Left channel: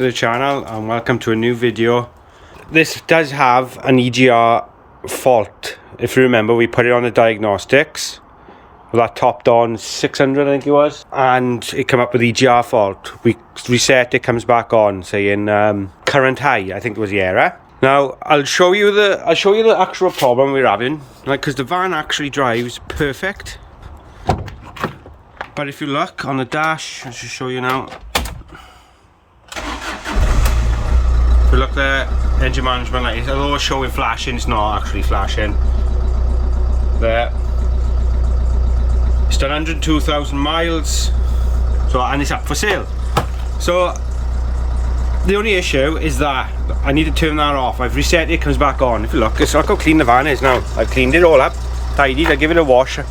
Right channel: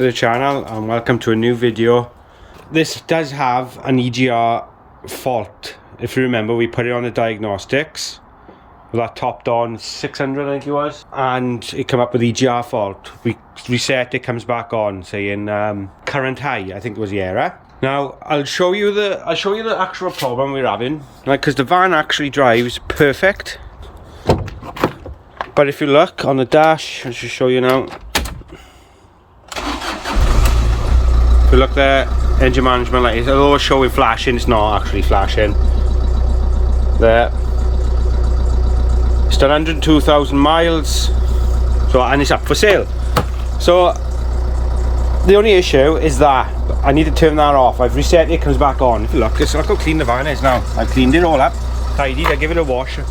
to the channel and welcome to a new video. This does have an EGR fault. If you remember, we put it on the diagnostics with that topped on 600, I think it was, and it came up with EGR fault. We reset it, comes back on saying current high, I think was the error. Now I'll show you the actual problem we're having, like, because the van actually drives perfect, but if you look on the dash, I'll just show you now. If you look there, engine management light, although it's showing flashing, it's not actually flashing. There. It's done 102,000 miles, so, and it's up for sale. So the only issue is that I need to turn that off. I've reset it, it comes back on. If you look, look how clean the van is now. I've cleaned it all up, tidied, I give it a wash, and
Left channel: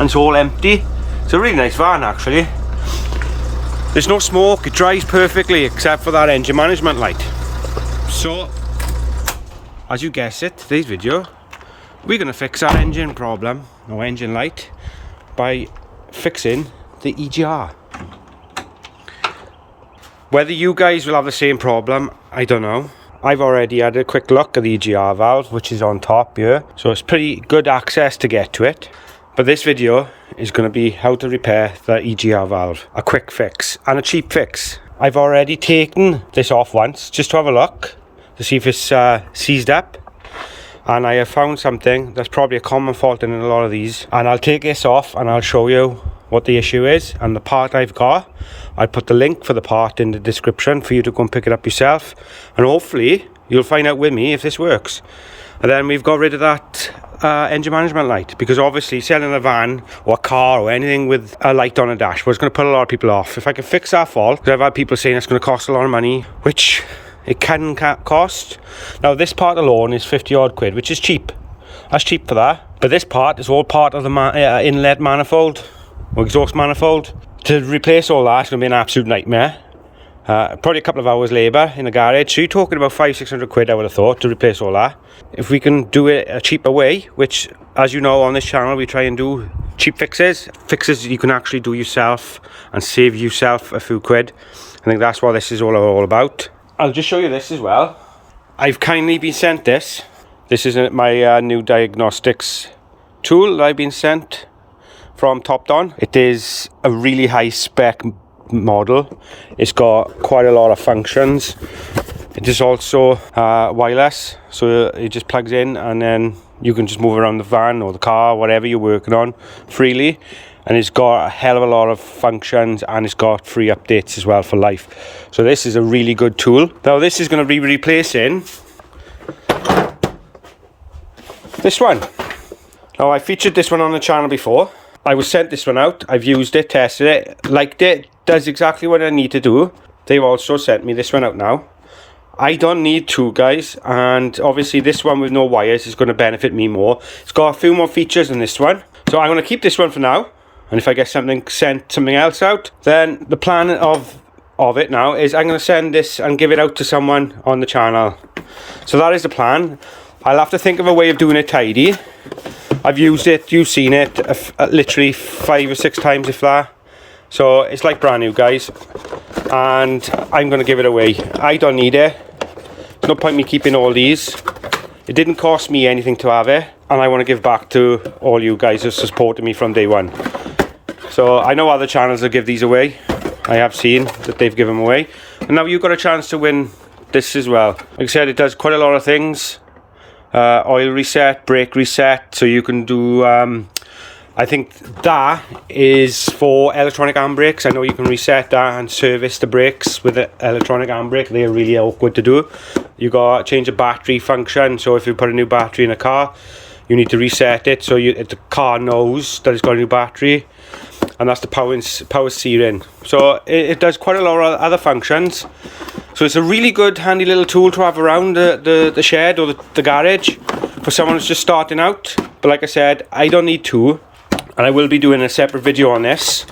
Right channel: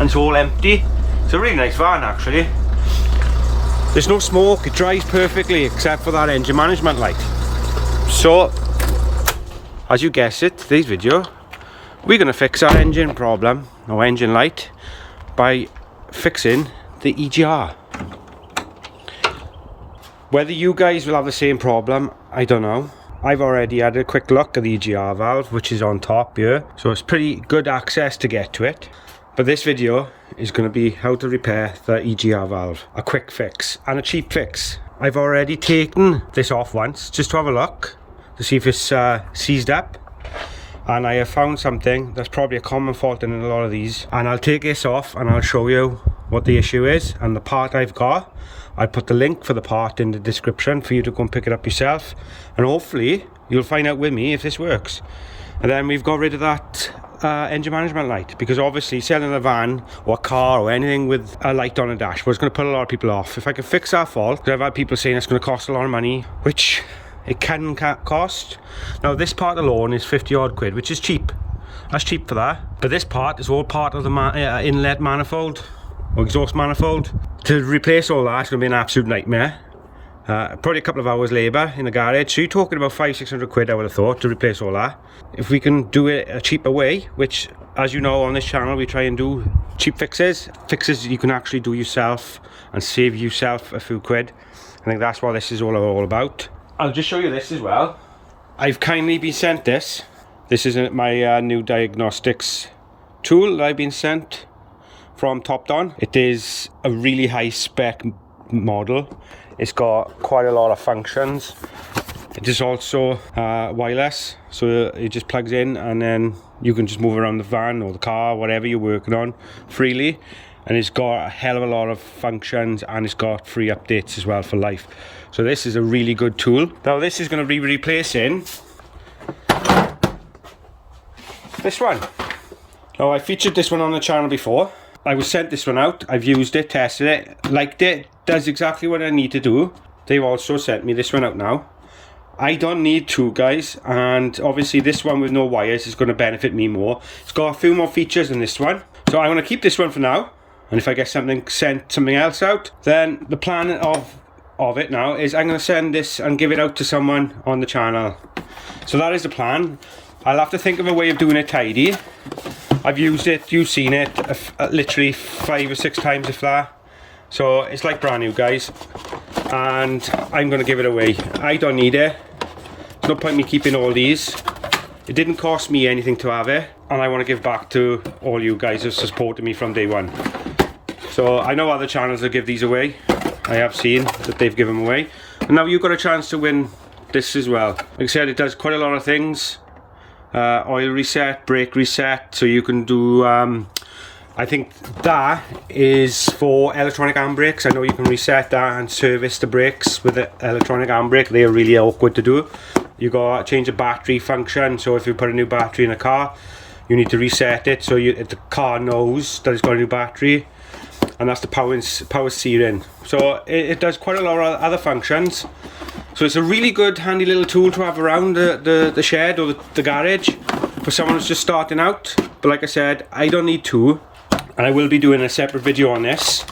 it's all empty. It's a really nice van actually. There's no smoke, it drives perfectly except for that engine management light. So, as you guessed it, today's video, we're going to fix our engine problem, or engine light, by fixing the EGR. Whether you guys will have the same problem, I don't know. I've already had a quick look at the EGR valve, which is on top here, so it's pretty good access to get to it. But this video is going to be how to repair the EGR valve. A quick fix, and a cheap fix. I've already taken this off once, just to have a look, to see if it's seized up. And I have found something that's probably a common fault in a lot of these. And I'll take this off and I'll show you what the issue is and the part I've got. I'll put the link for the part in the description for you to go and pick it up yourself. And hopefully you'll find out with me if this works. And then we've got rid of that engine management light, because obviously selling a van or a car or anything with a light on a dashboard is going to put a lot of people off. If I can fix that fault, because I've had people saying it's going to cost a lot of money, which it can cost. Now this part alone is 50 odd quid, which is cheap. That's cheap for that. But this part is all part of the inlet manifold or exhaust manifold. To replace all that is going to be an absolute nightmare. Probably a couple of hours labour in the garage. So you're talking about 500-600 quid, I would have thought, to replace all that. If we can do it a cheaper way, which, as you know, on this channel we try and do cheap fixes you can actually do yourself and save yourself a few quid. I think that's what this is all about. I'll just show you this as well. I've kindly been sent this. This is my new diagnostics tool that I've been sent from Top Don. It is a really high spec model. It's got quite a lot of functions. It is also wireless, so it just plugs in and then you can just move around the van or the car, whatever you're working on, freely. And it's got a hell of a lot of functions, and it's got free updates as well for life. So this is a really good tool. Now this is going to be replacing this one. Now I featured this one on the channel before. I was sent this one out, I've used it, tested it, liked it, does exactly what I need to do. They've also sent me this one out now. I don't need two, guys, and obviously this one with no wires is going to benefit me more. It's got a few more features than this one, so I'm going to keep this one for now. And if I get something else out, then the plan of it now is I'm going to send this and give it out to someone on the channel. So that is the plan. I'll have to think of a way of doing it tidy. I've used it, you've seen it, literally 5 or 6 times if that. So it's like brand new, guys. And I'm going to give it away. I don't need it. There's no point me keeping all these. It didn't cost me anything to have it. And I want to give back to all you guys who supported me from day one. So I know other channels will give these away. I have seen that they've given them away. And now you've got a chance to win this as well. Like I said, it does quite a lot of things. Oil reset, brake reset. So you can do, I think that is for electronic handbrakes. I know you can reset that and service the brakes with the electronic handbrake. They are really awkward to do. You got change the battery function. So if you put a new battery in a car, you need to reset it so the car knows that it's got a new battery. And that's the power steering. So it does quite a lot of other functions. So it's a really good handy little tool to have around the shed or the garage for someone who's just starting out. But like I said, I don't need two, and I will be doing a separate video on this.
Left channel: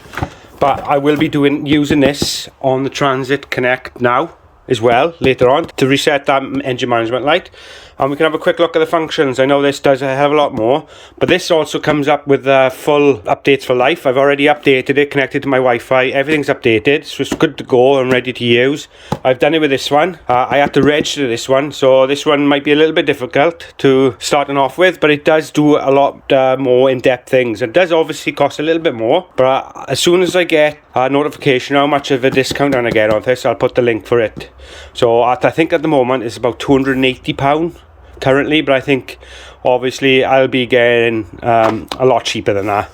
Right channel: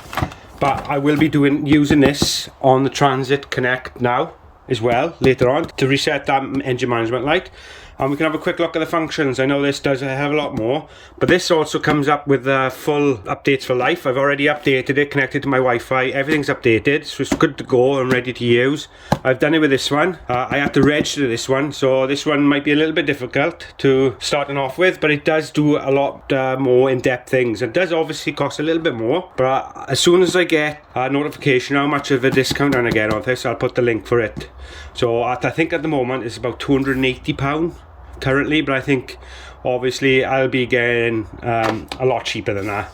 But I will be using this on the Transit Connect now. as well later on to reset that engine management light, and we can have a quick look at the functions. I know this does a hell of a lot more, but this also comes up with full updates for life. I've already updated it, connected to my Wi-Fi, everything's updated, so it's good to go and ready to use. I've done it with this one. I had to register this one, so this one might be a little bit difficult to starting off with, but it does do a lot more in-depth things. It does obviously cost a little bit more, but as soon as I get a notification how much of a discount I'm going to get on this, I'll put the link for it. So I think at the moment it's about £280 currently, but I think obviously I'll be getting a lot cheaper than that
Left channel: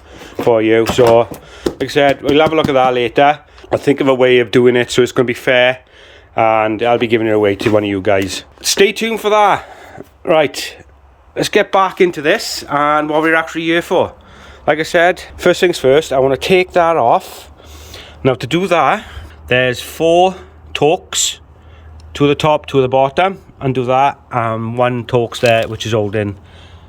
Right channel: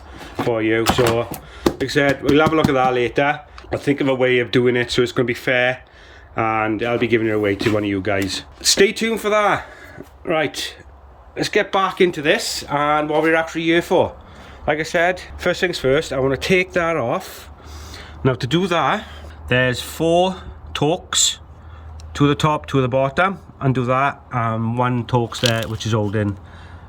for you. So like I said, we'll have a look at that later. I'll think of a way of doing it so it's going to be fair, and I'll be giving it away to one of you guys. Stay tuned for that. Right, let's get back into this and what we're actually here for. Like I said, first things first, I want to take that off. Now to do that, there's 4 Torx, 2 at the top, 2 at the bottom. Undo that, 1 Torx there which is holding,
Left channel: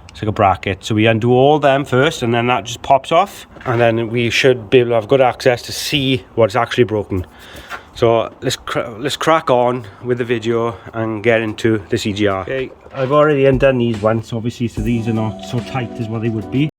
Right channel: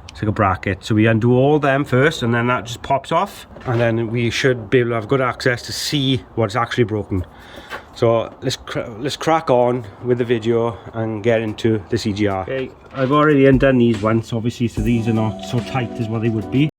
it's like a bracket. So we undo all them first, and then that just pops off, and then we should be able to have good access to see what's actually broken. So let's crack on with the video and get into this EGR. Okay, I've already undone these once obviously, so these are not so tight as what they would be.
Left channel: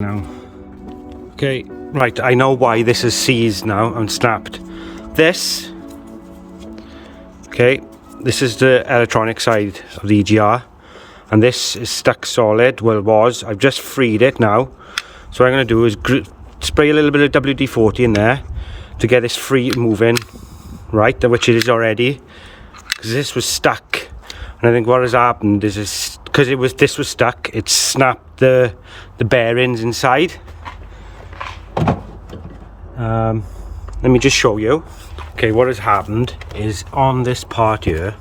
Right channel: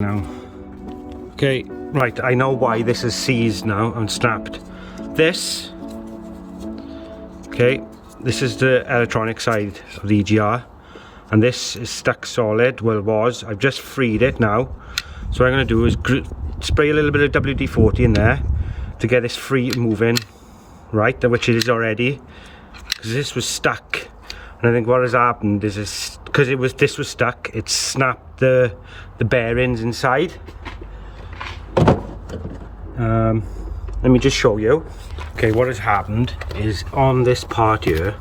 Now, okay, right, I know why this is seized now and snapped. This, okay, this is the electronic side of the EGR, and this is stuck solid. Well, it was. I've just freed it now, so what I'm going to do is spray a little bit of WD-40 in there to get this free moving, right, which it is already, because this was stuck. And I think what has happened is because this was stuck, it snapped the bearings inside. Let me just show you. Okay, what has happened is on this part here,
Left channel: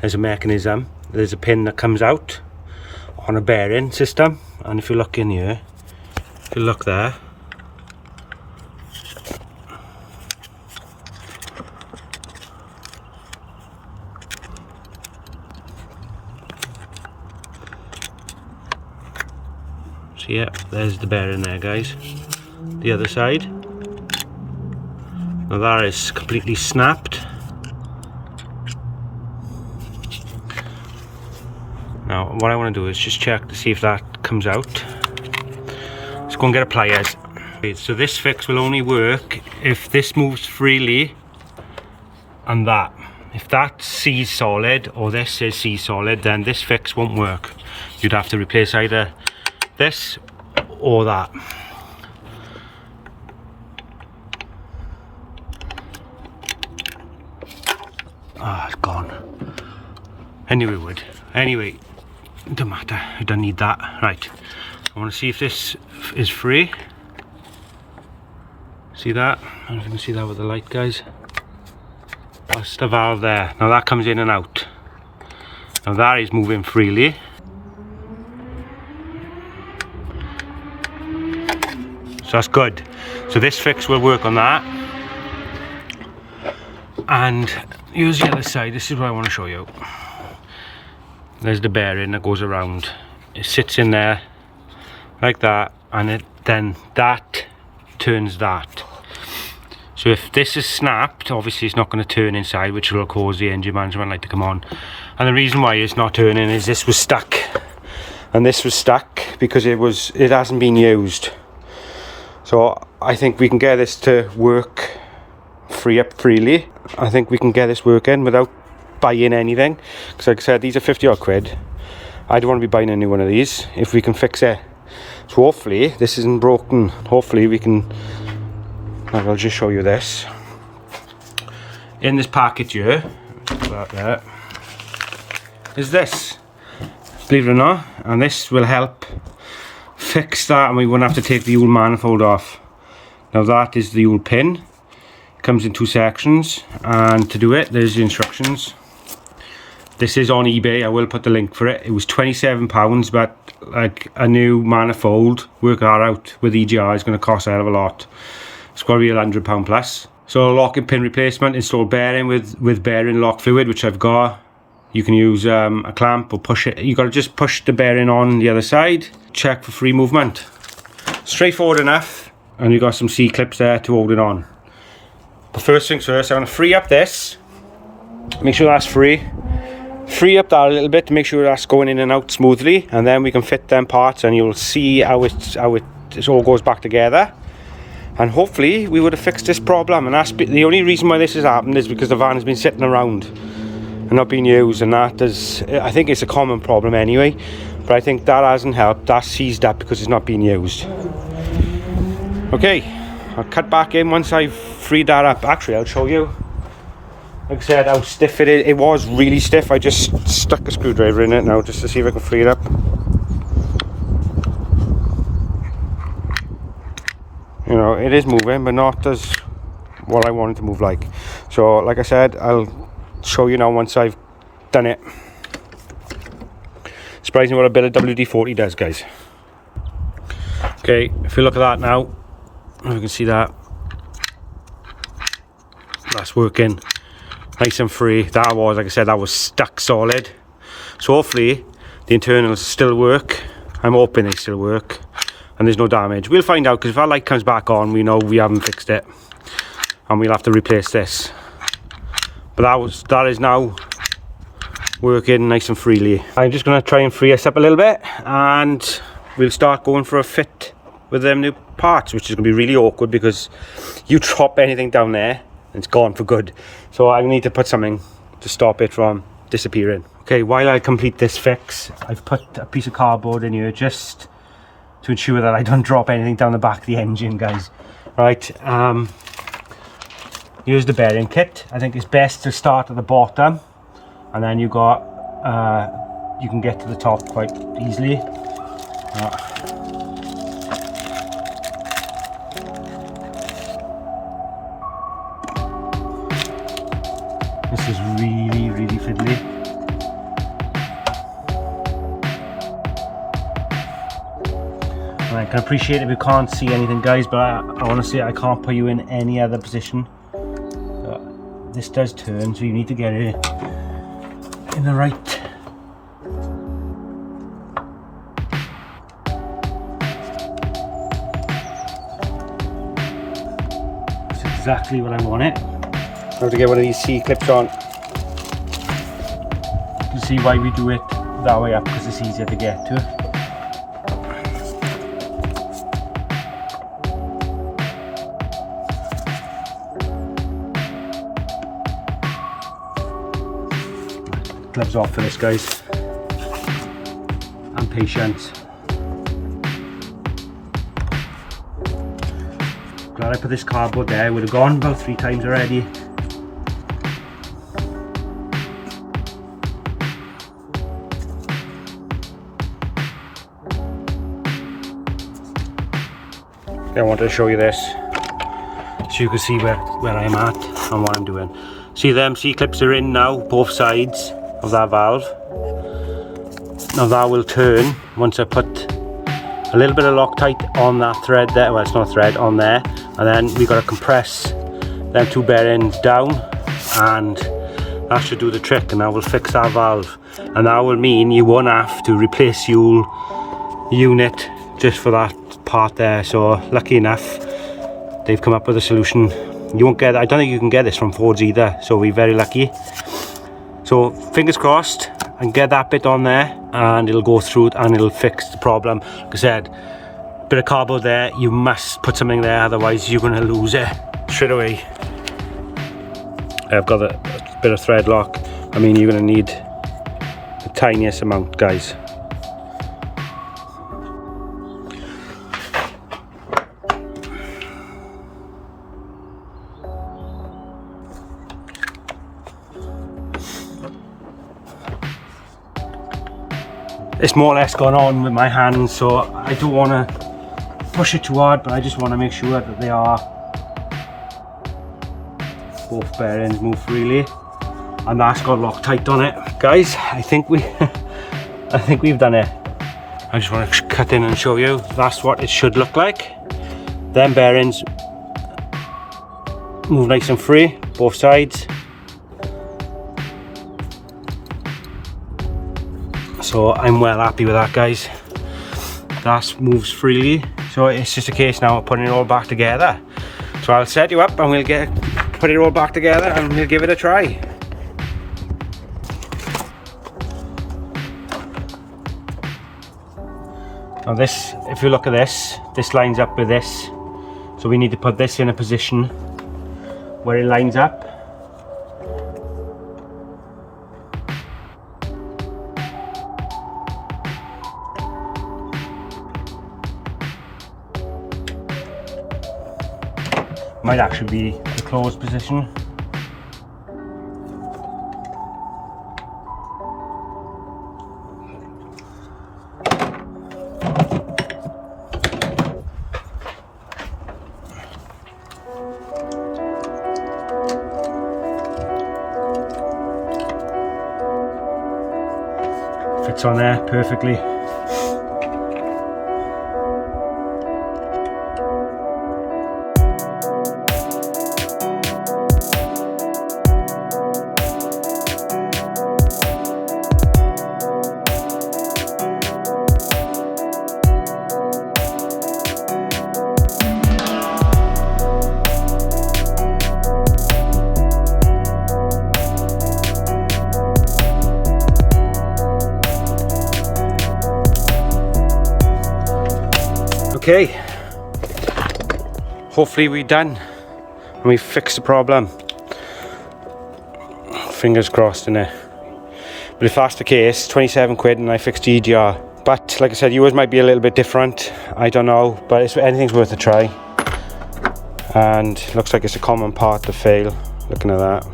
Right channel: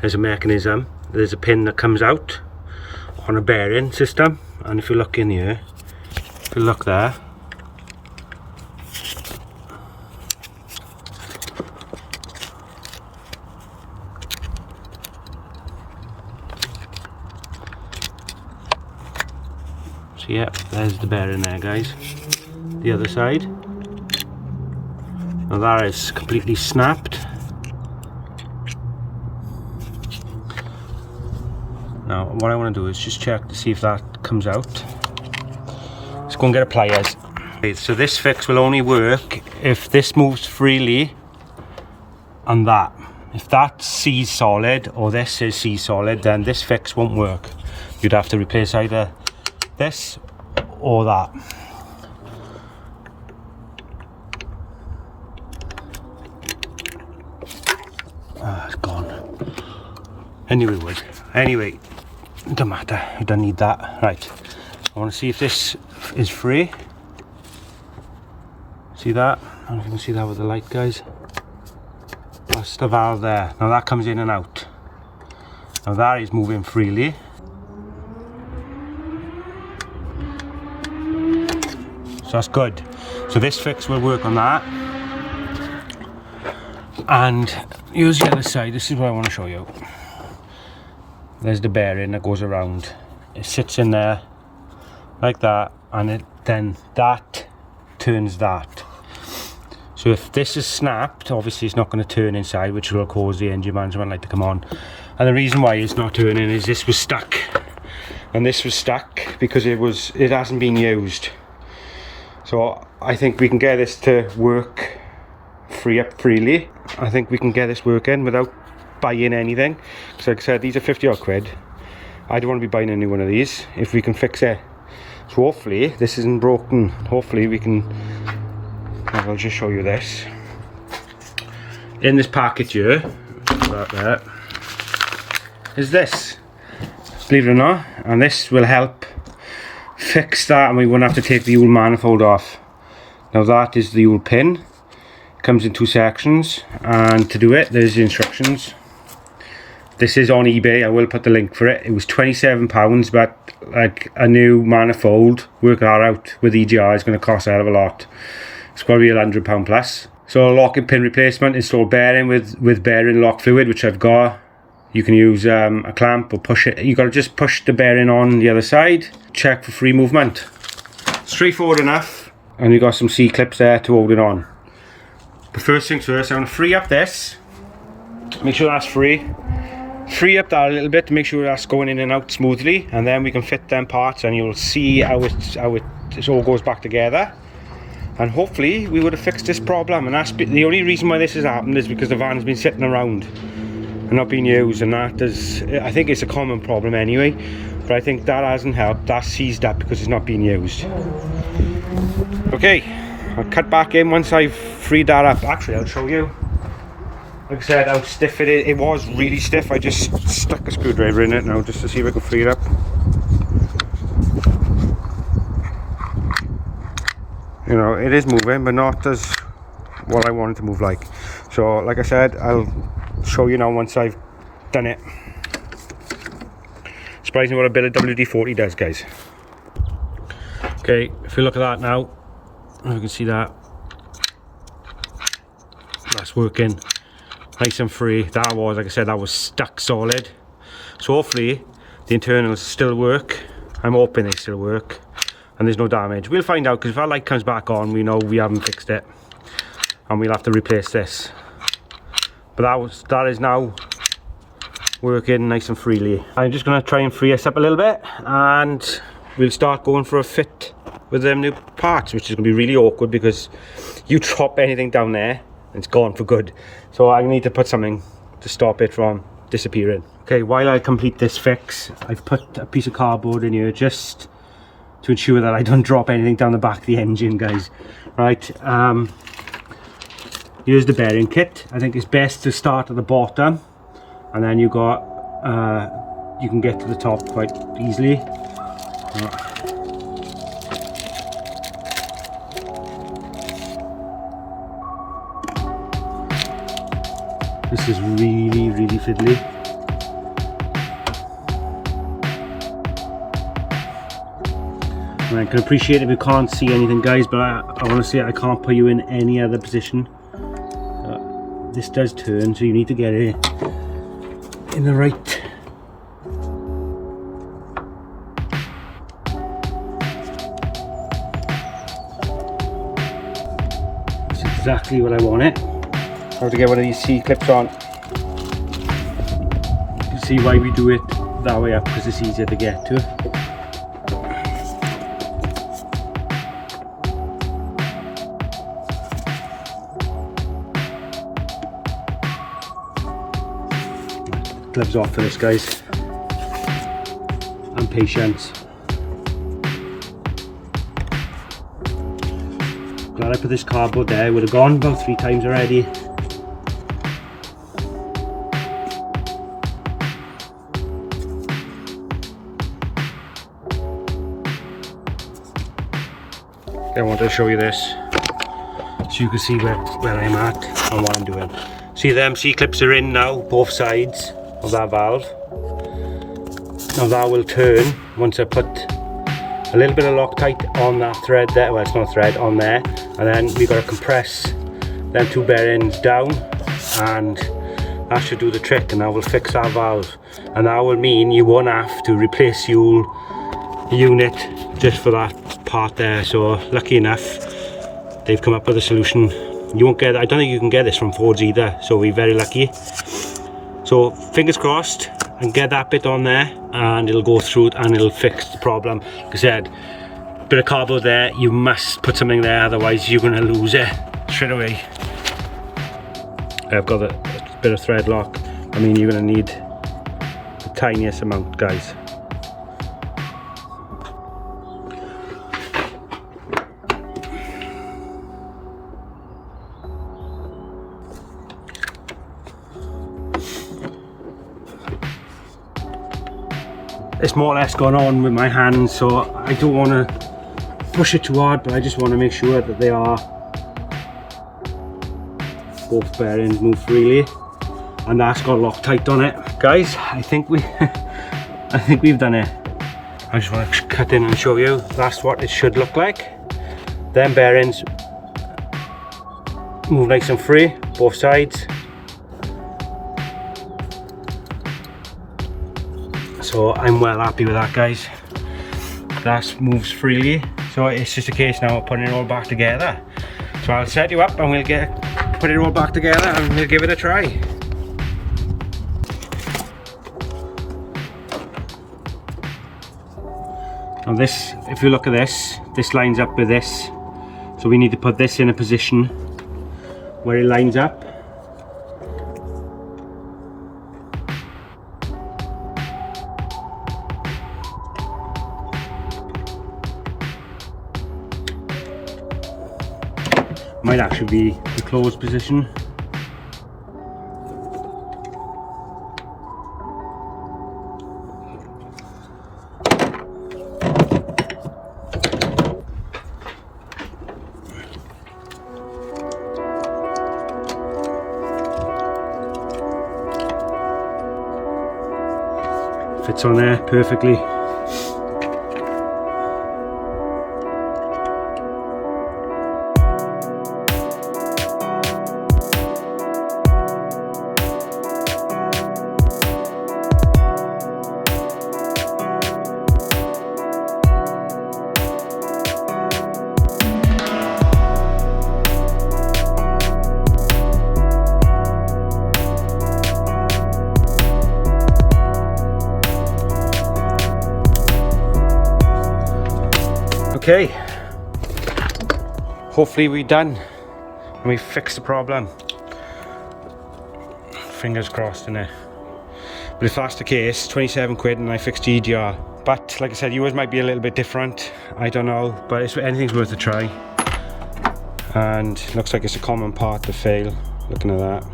there's a mechanism. There's a pin that comes out on a bearing system, and if you look in here, if you look there, yeah, there's the bearing there, guys. The other side. Now that is completely snapped. Now what I want to do is just check to see if that comes out. Let's go and get a pliers. Okay, so this fix will only work if this moves freely and that. If that's C solid or this is C solid, then this fix won't work. You'd have to replace either this or that. Ah, it's gone. Anyway, wood. Anyway, don't matter. You don't need that. Right. I want to see if this is free. See that? I don't know if you can see that with the light, guys. That's the valve there. Now that comes in and out. Now that is moving freely. So that's good. So this fix will work on that. And here's the other side. This is what I want to show you. There's the bearing that goes around. It sits in there like that, and then that turns that. So if this is snapped, obviously it's not going to turn inside, which will cause the engine management light to come on. And the reason why it's not turning is this was stuck, and this was stuck because it hasn't been used. So I think we can get this to work freely. I think we can get this working without buying anything, because like I said, these are 50 odd quid. I don't want to be buying a new one of these if we can fix it. So hopefully this isn't broken. Hopefully we can. I'll just show you this in this packet here. There is this, believe it or not, and this will help fix that, and we won't have to take the old manifold off. Now that is the old pin. It comes in 2 sections, and to do it, there's the instructions. This is on eBay. I will put the link for it. It was £27, but like a new manifold, work that out with EGR, is going to cost a hell of a lot. It's got to be £100 plus. So a locking pin replacement, install bearing with bearing lock fluid, which I've got. You can use a clamp or push it. You got to just push the bearing on the other side. Check for free movement. Straightforward enough. And you got some C-clips there to hold it on. But first things first, I'm going to free up this. Make sure that's free. Free up that a little bit to make sure that's going in and out smoothly, and then we can fit them parts, and you'll see how it all goes back together. And hopefully we would have fixed this problem. And that's the only reason why this has happened is because the van has been sitting around and not being used, and that is, I think it's a common problem anyway, but I think that hasn't helped. That seized up because it's not being used. Okay, I'll cut back in once I've freed that up. Actually, I'll show you. Like I said, how stiff it is. It was really stiff. I just stuck a screwdriver in it now just to see if I can free it up. You know, it is moving, but not as what I want it to move like. So, like I said, I'll show you now once I've done it. Surprising what a bit of WD-40 does, guys. Okay, if you look at that now, you can see that. That's working. Nice and free. That was, like I said, that was stuck solid. So hopefully the internals still work. I'm hoping they still work and there's no damage. We'll find out, because if our light comes back on, we know we haven't fixed it and we'll have to replace this. But that is now working nice and freely. I'm just going to try and free us up a little bit, and we'll start going for a fit with them new parts, which is going to be really awkward because you drop anything down there and it's gone for good. So I need to put something to stop it from disappearing. Okay, while I complete this fix, I've put a piece of cardboard in here just to ensure that I don't drop anything down the back of the engine, guys. Right, here's the bearing kit. I think it's best to start at the bottom, and then you can get to the top quite easily. This is really, really fiddly. I can appreciate if you can't see anything, guys, but honestly I can't put you in any other position. But this does turn, so you need to get it in the right. That's exactly what I want it. I have to get one of these C-clips on. You can see why we do it that way up, because it's easier to get to. Gloves off for this, guys. And patience. Glad I put this cardboard there. I would have gone about 3 times already. I wanted to show you this so you can see where I'm at and what I'm doing. See, them C-clips are in now, both sides of that valve. Now that will turn once I put a little bit of Loctite on that thread there. Well, it's not a thread, on there. And then we got to compress them two bearings down, and that should do the trick, and that will fix that valve. And that will mean you won't have to replace the unit just for that part there. So lucky enough, they've come up with a solution. You won't get, I don't think you can get this from Fords either, so we're very lucky. So fingers crossed, and get that bit on there and it'll go through and it'll fix the problem. Like I said, bit of cardboard there, you must put something there, otherwise you're going to lose it straight away. I've got a bit of thread lock. I mean, you're going to need the tiniest amount, guys. It's more or less gone on with my hands, so I don't want to push it too hard, but I just want to make sure that they are both bearings move freely, and that's got Loctite on it. Guys, I think we've done it. I just want to cut in and show you. That's what it should look like. Them bearings move nice and free, both sides. So I'm well happy with that, guys. That moves freely, so it's just a case now of putting it all back together. So I'll set you up and we'll put it all back together and we'll give it a try. Now this, if you look at this lines up with this, so we need to put this in a position where it lines up. Might actually be the closed position. Fits on there perfectly. Okay, hopefully we're done and we fixed the problem. Fingers crossed, innit? But if that's the case, 27 quid and I fixed the EGR. But like I said, yours might be a little bit different, I don't know, but anything's worth a try. And looks like it's a common part to fail, looking at that.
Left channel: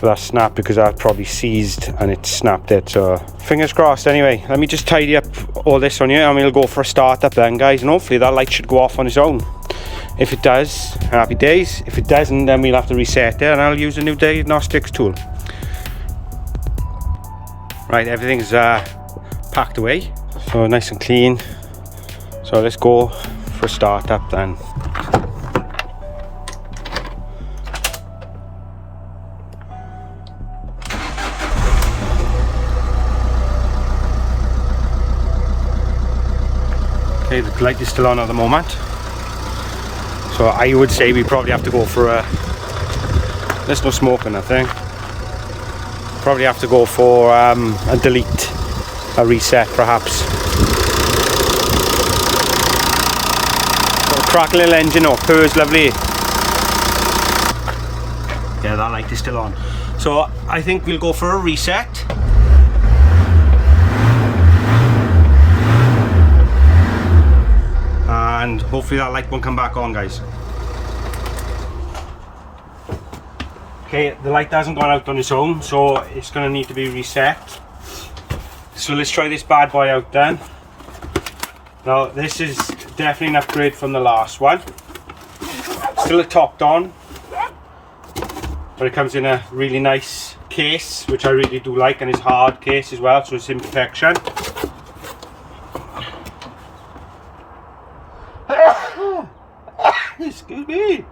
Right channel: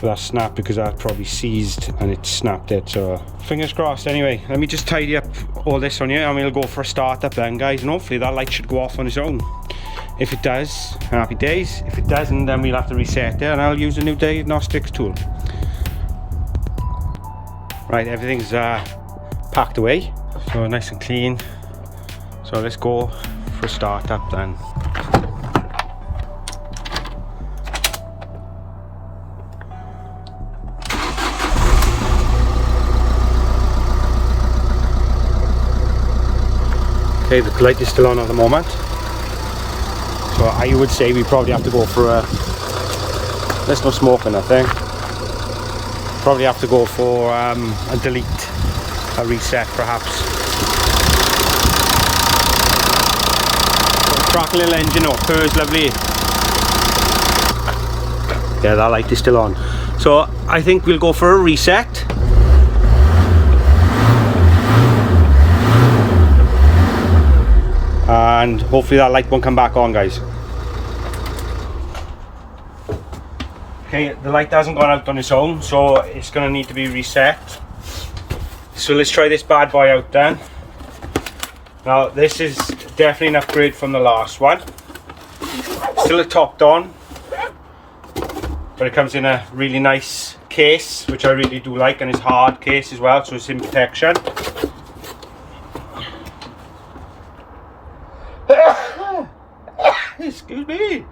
So that snapped because that probably seized and it snapped it, so fingers crossed. Anyway, let me just tidy up all this on you and we'll go for a start up then, guys, and hopefully that light should go off on its own. If it does, happy days. If it doesn't, then we'll have to reset it and I'll use a new diagnostics tool. Right, everything's packed away, so nice and clean. So let's go for a start up then. Okay, the light is still on at the moment, so I would say we probably have to go for a, there's no smoke or nothing, probably have to go for a delete, a reset perhaps. Got a crack little engine up, purrs lovely. Yeah, that light is still on, so I think we'll go for a reset. And hopefully that light won't come back on, guys. Okay, the light hasn't gone out on its own, so it's going to need to be reset. So let's try this bad boy out then. Now this is definitely an upgrade from the last one. Still a topped on, but it comes in a really nice case, which I really do like, and it's hard case as well, so it's in protection. Excuse me.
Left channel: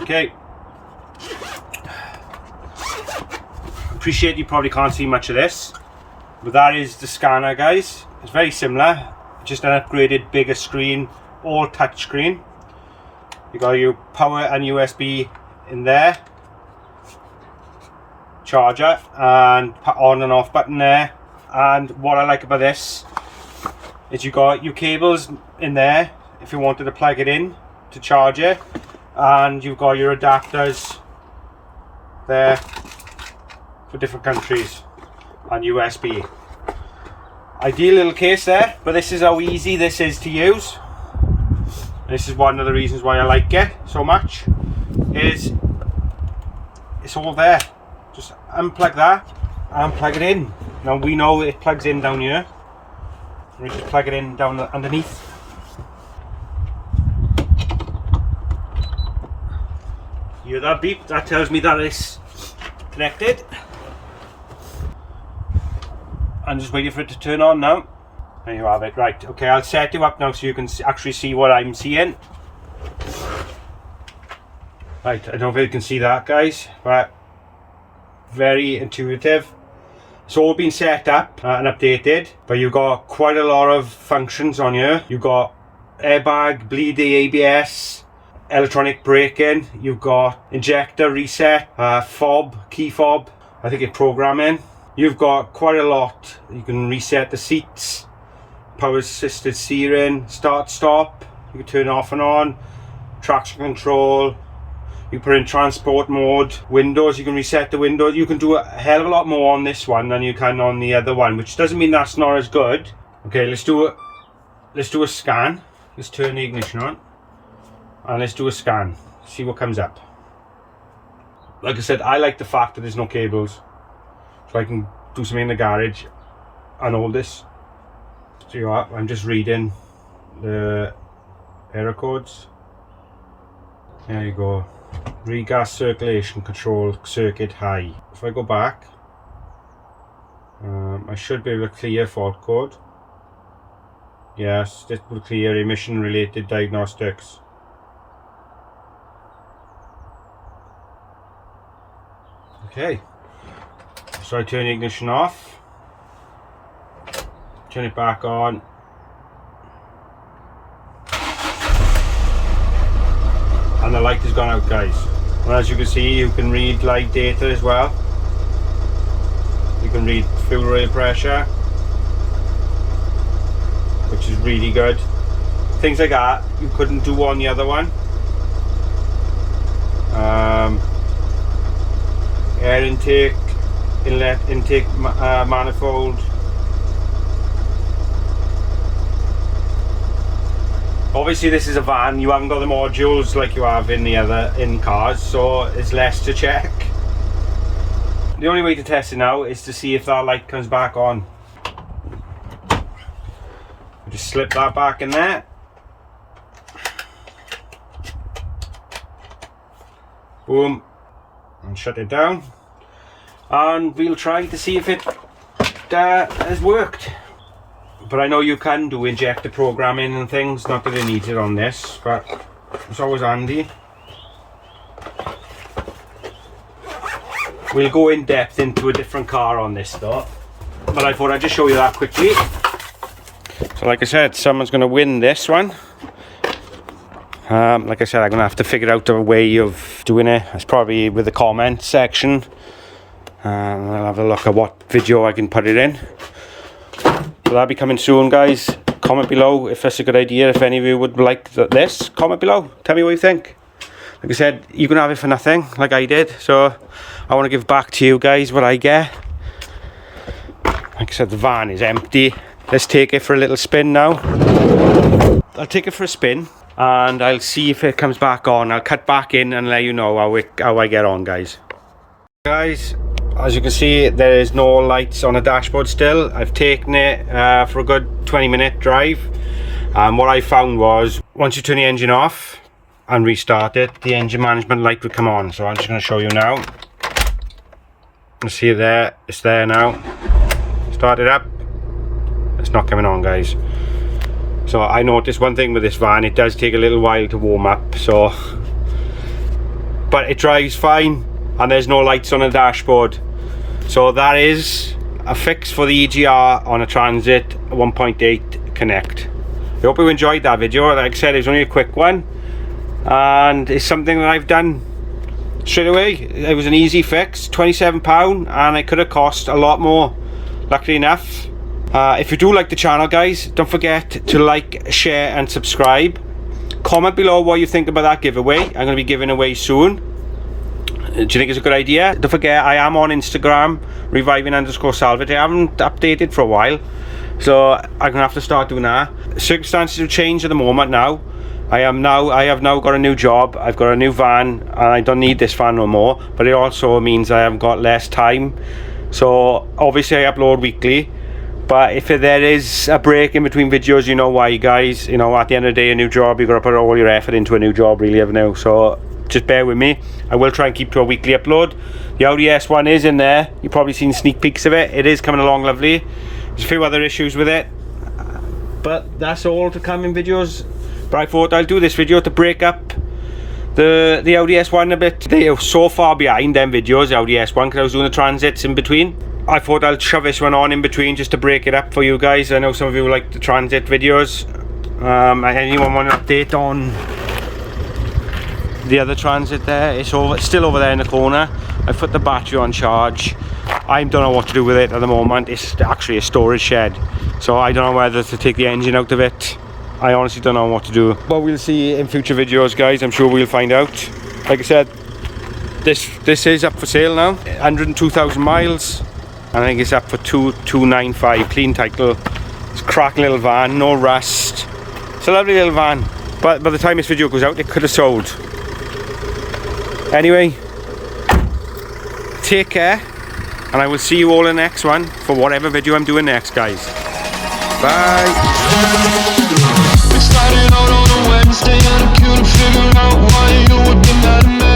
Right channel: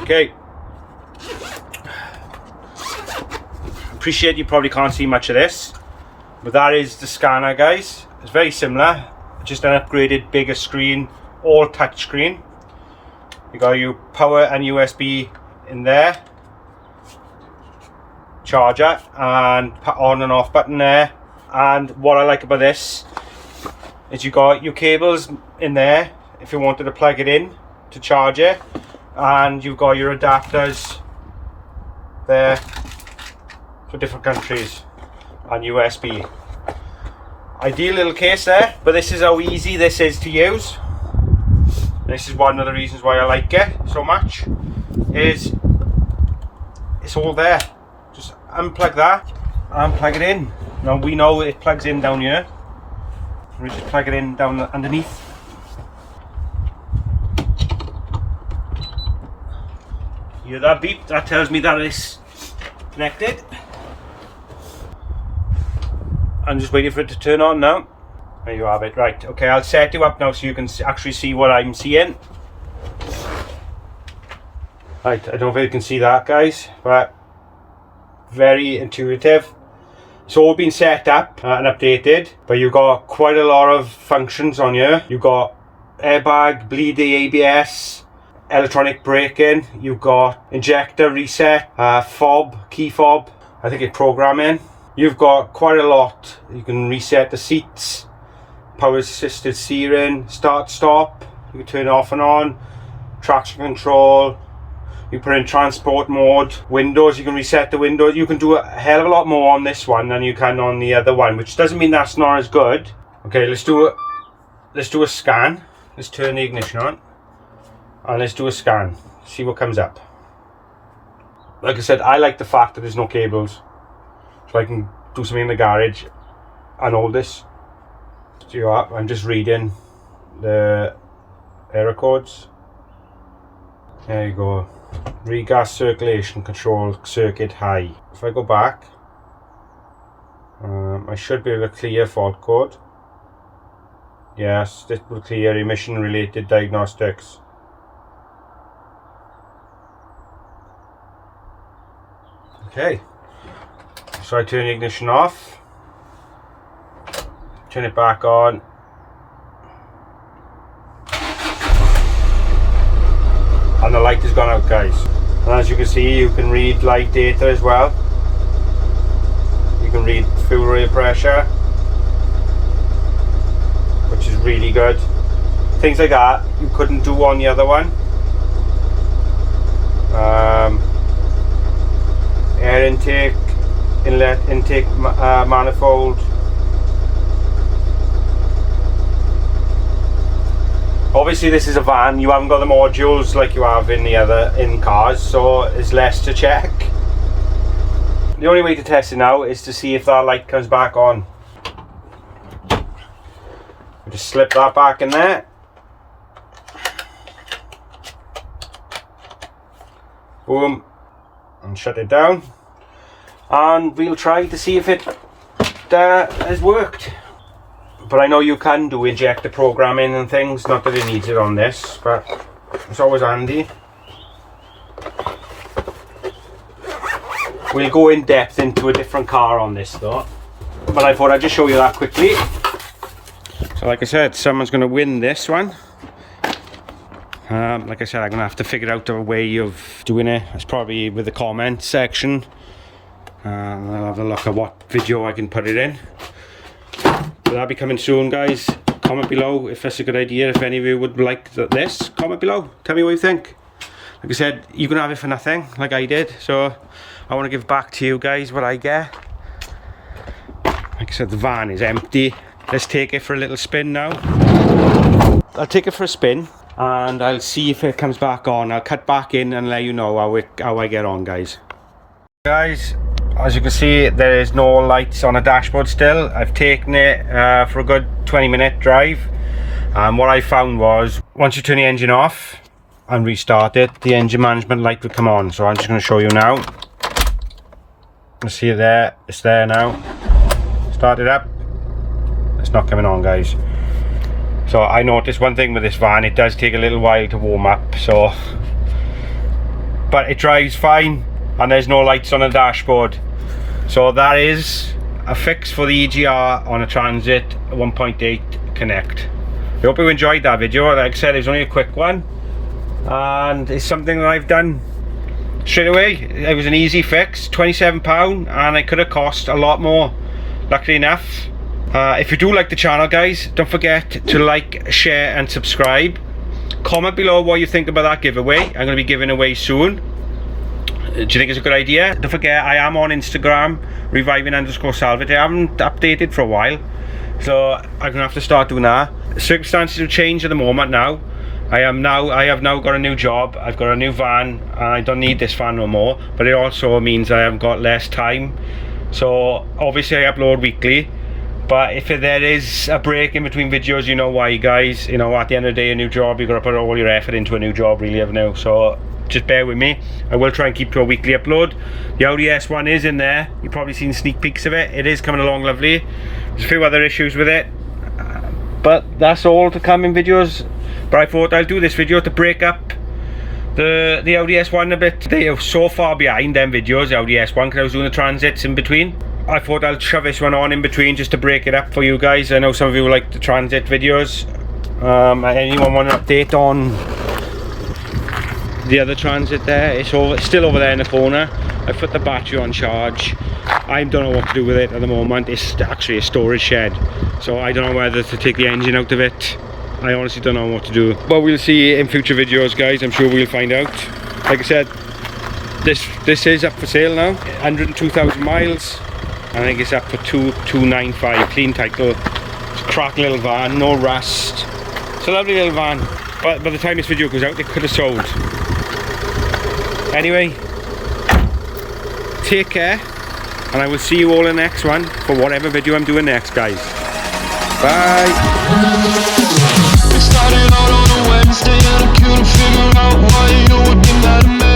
Okay. Appreciate you probably can't see much of this, but that is the scanner, guys. It's very similar, just an upgraded bigger screen, all touch screen. You got your power and USB in there, charger and on and off button there. And what I like about this is you got your cables in there if you wanted to plug it in to charge it, and you've got your adapters there for different countries and USB. Ideal little case there, but this is how easy this is to use. This is one of the reasons why I like it so much, is it's all there. Just unplug that and plug it in. Now we know it plugs in down here. We just plug it in down underneath. You hear that beep? That tells me that it's connected. I'm just waiting for it to turn on now. There you have it. Right, okay, I'll set you up now so you can actually see what I'm seeing. Right, I don't know if you can see that, guys, but very intuitive. It's all been set up and updated, but you've got quite a lot of functions on here. You've got airbag, bleeding ABS, electronic braking, you've got injector reset, fob, key fob, I think it's programming. You've got quite a lot. You can reset the seats, power assisted steering, start stop, you can turn it off and on, traction control, you put in transport mode, windows, you can reset the windows. You can do a hell of a lot more on this one than you can on the other one, which doesn't mean that's not as good. Okay, let's do a scan. Let's turn the ignition on and let's do a scan, see what comes up. Like I said, I like the fact that there's no cables, so I can do something in the garage and hold this. So you are, I'm just reading the error codes. There you go. Regas circulation control circuit high. If I go back, I should be able to clear fault code. Yes, this will clear emission related diagnostics. Okay, so I turn the ignition off, turn it back on, and the light has gone out, guys. And as you can see, you can read live data as well. You can read fuel rail pressure, which is really good. Things like that you couldn't do on the other one. Air intake, inlet intake manifold. Obviously this is a van, you haven't got the modules like you have in cars, so it's less to check. The only way to test it now is to see if that light comes back on. Just slip that back in there. Boom. And shut it down. And we'll try to see if it has worked. But I know you can do injector programming and things, not that it needs it on this, but it's always handy. We'll go in depth into a different car on this though, but I thought I'd just show you that quickly. So like I said, someone's going to win this one. Like I said, I'm going to have to figure out a way of doing it. It's probably with the comment section. I'll have a look at what video I can put it in. So that'll be coming soon, guys. Comment below if that's a good idea. If any of you would like this, comment below. Tell me what you think. Like I said, you can have it for nothing, like I did. So I want to give back to you guys what I get. Like I said, the van is empty. Let's take it for a little spin now. I'll take it for a spin and I'll see if it comes back on. I'll cut back in and let you know how I get on, guys. Guys, as you can see, there is no lights on the dashboard still. I've taken it for a good 20-minute drive, and what I found was once you turn the engine off and restart it, the engine management light would come on. So I'm just going to show you now. You see it there, it's there now. Start it up, it's not coming on, guys. So I noticed one thing with this van, it does take a little while to warm up, so but it drives fine and there's no lights on the dashboard. So that is a fix for the EGR on a Transit 1.8 Connect. I hope you enjoyed that video. Like I said, it was only a quick one, and it's something that I've done straight away. It was an easy fix, £27, and it could have cost a lot more. Luckily enough. If you do like the channel, guys, don't forget to like, share and subscribe. Comment below what you think about that giveaway. I'm going to be giving away soon. Do you think it's a good idea? Don't forget, I am on Instagram, reviving_salvage. I haven't updated for a while, so I'm going to have to start doing that. Circumstances have changed at the moment now. I have now got a new job, I've got a new van, and I don't need this van no more, but it also means I have got less time. So obviously I upload weekly, but if there is a break in between videos, you know why, guys. You know, at the end of the day, a new job, you've got to put all your effort into a new job, really, haven't you? So just bear with me. I will try and keep to a weekly upload. The Audi S1 is in there. You've probably seen sneak peeks of it. It is coming along lovely. There's a few other issues with it, but that's all to come in videos. But I thought I'll do this video to break up the Audi S1 a bit. They are so far behind them videos, the Audi S1, because I was doing the Transits in between. I thought I'll shove this one on in between just to break it up for you guys. I know some of you like the Transit videos. Anyone want an update on the other Transit there? It's still over there in the corner. I put the battery on charge. I don't know what to do with it at the moment. It's actually a storage shed, so I don't know whether to take the engine out of it. I honestly don't know what to do, but we'll see in future videos, guys. I'm sure we'll find out. Like I said, this is up for sale now. 102,000 miles. I think it's up for 295, clean title. It's a cracking little van, no rust. It's a lovely little van, but by the time this video goes out, it could have sold. Anyway, take care, and I will see you all in the next one for whatever video I'm doing next, guys. Bye. Started out on a Wednesday and I couldn't figure out why you would be mad at me.